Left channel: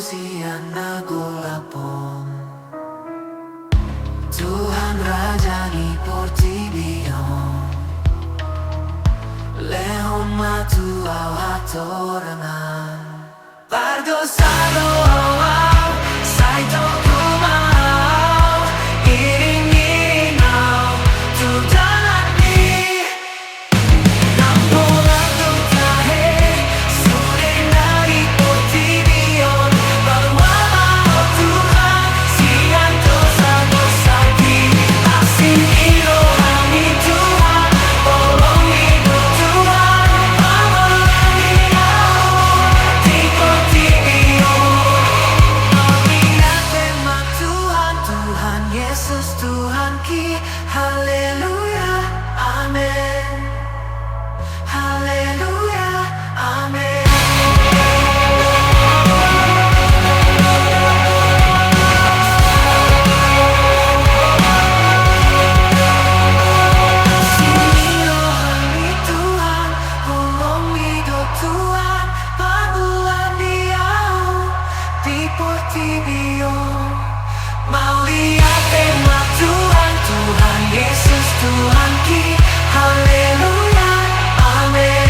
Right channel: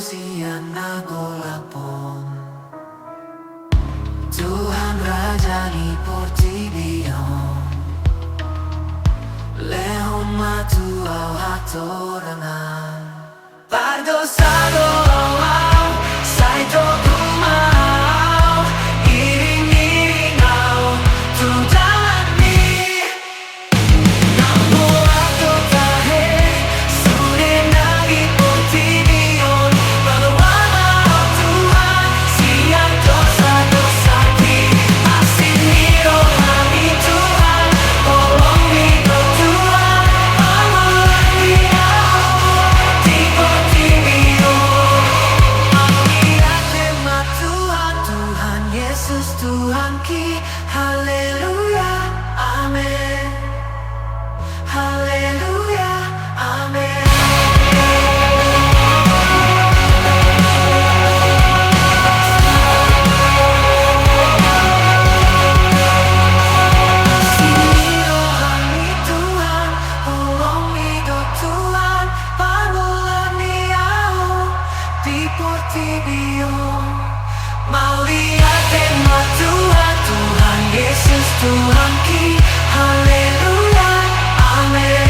siana golapon. Tuhan rajani portibion, lehon matu au hatorangan. Pardosado au saito kumau, iring-iring au tudani. Namorado tahe sudah nagi portibion, baluan au Tuhan sian dosa-dosaku. Asini rohani Tuhan, tolong hidup Tuhan, pengolani au di portibion. Mau lihat tema Tuhan, Tuhan Yesus Tuhan ki, haleluya, amin. Haleluya, amin. Sini rohani Tuhan, tolong hidup Tuhan, pangulani au di portibion. Mau lihat tema Tuhan, Tuhan Yesus Tuhan ki, haleluya, amin.